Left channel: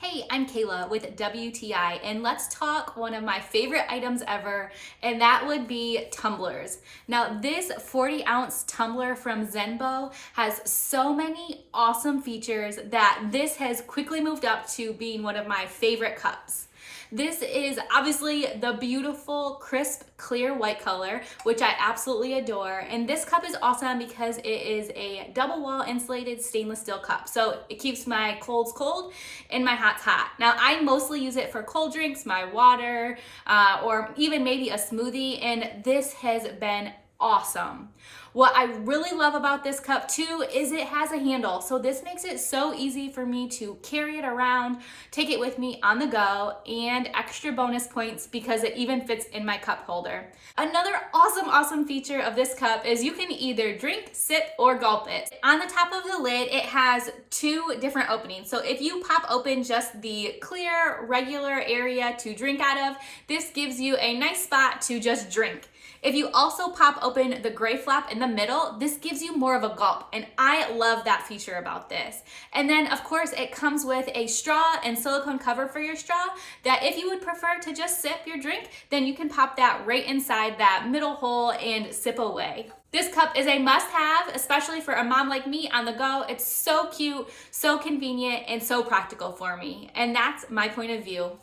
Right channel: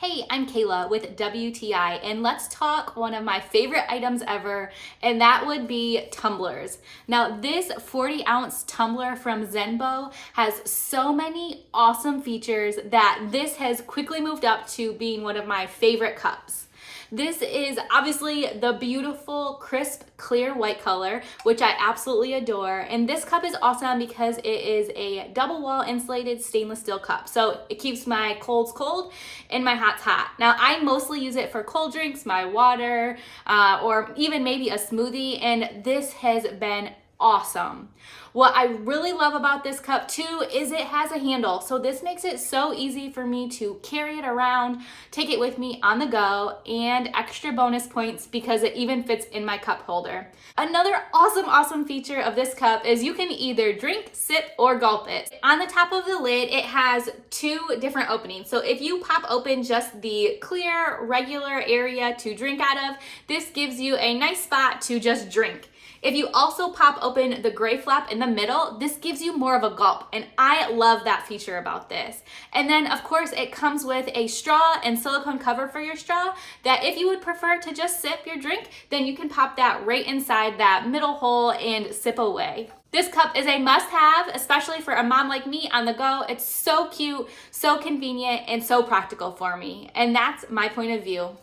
Hey, I'm Kayla with WTI, and let's talk one of my favorite items ever, and that would be tumblers. Now, this 40-ounce tumbler from Zenbo has so many awesome features that this has quickly moved up to being one of my favorite cups. This is obviously the beautiful, crisp, clear white color, which I absolutely adore. And this cup is awesome because it is a double wall insulated stainless steel cup. So it keeps my colds cold and my hots hot. Now, I mostly use it for cold drinks, my water, or even maybe a smoothie. And this has been awesome. What I really love about this cup too is it has a handle. So this makes it so easy for me to carry it around, take it with me on the go, and extra bonus points because it even fits in my cup holder. Another awesome feature of this cup is you can either drink, sip, or gulp it. On the top of the lid, it has two different openings. So if you pop open just the clear, regular area to drink out of, this gives you a nice spot to just drink. If you also pop open the gray flap in the middle, this gives you more of a gulp, and I love that feature about this. And then, of course, it comes with a straw and silicone cover for your straw that if you would prefer to just sip your drink, then you can pop that right inside that middle hole and sip away. This cup is a must-have, especially for a mom like me on the go. It's so cute, so convenient, and so practical for me. And that's my point of view.